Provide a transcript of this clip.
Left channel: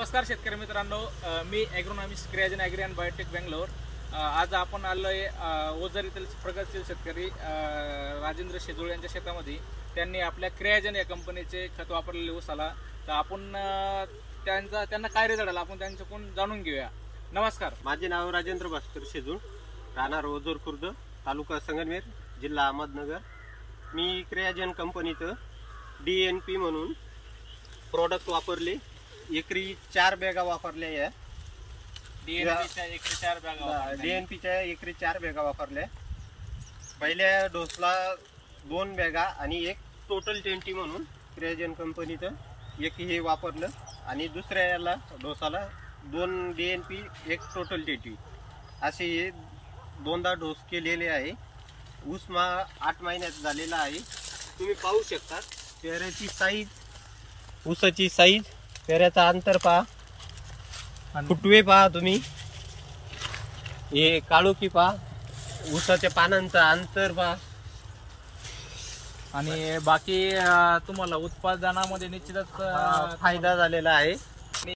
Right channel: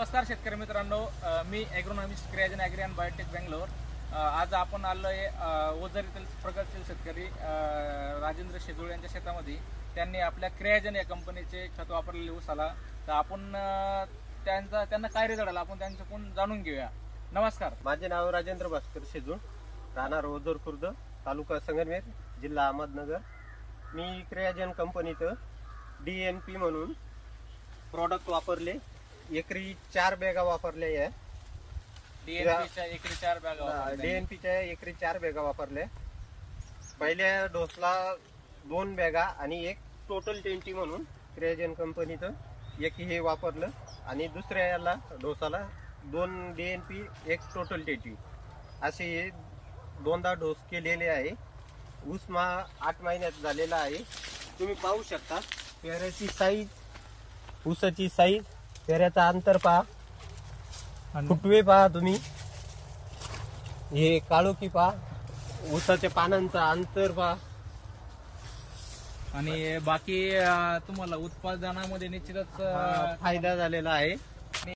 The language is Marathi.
नमस्कार शेतकरी मित्रांनो, मी ॲग्रोनॉमिस्ट क्रियाजन ॲग्री अँड बायोटेक बेंगलोर। आज आपण आलोय ओझर येथील प्रगतशील शेतकरी राजेंद्र शेजुळे यांच्या शेतामध्ये। त्यांनी आपल्या क्रियाजन या कंपनीचे खत वापरलेले ऊसाला। तर आपण त्यांना काय रिझल्ट आला आपण त्यांच्याकडून जाणून घेऊया। नमस्कार, माझे नाव राजेंद्र भास्कर शेजुळ, राहणार ओझर खुर्द, तालुका संगमनेर, जिल्हा अहमदनगर। मी क्रियाजन कंपनीचं DNP म्हणून प्रोडक्ट वापरले। एकरी 4 बॅगा वापरल्या आहे। DNPच्या एकरी 4 बॅगा वापरल्या। DNPच्या एकरी 4 बॅगा वापरल्या। पहिल्या डोसला 2 बॅगा आणि एक टोटल 20 म्हणून क्रियाजन कंपनीचं एक हे वापरलं आणि दुसऱ्या याला डोसाला 2 DNP एक टोटल 20 असे दोनदा डोस केलेले आहे। ऊस 8 महिन्यात झालेला आहे। तुम्ही पाहू शकता पेऱ्याची साईज, ऊसाची साईज, पेऱ्याचा अंतर पहा, फुटवे पहा तुम्ही, हे काळोखी पहा, ऊसाच्या पानांचा अंतर पहा आणि बाकी तुम्हाला उत्पादनामध्ये निश्चितच फायदा झालेला आहे।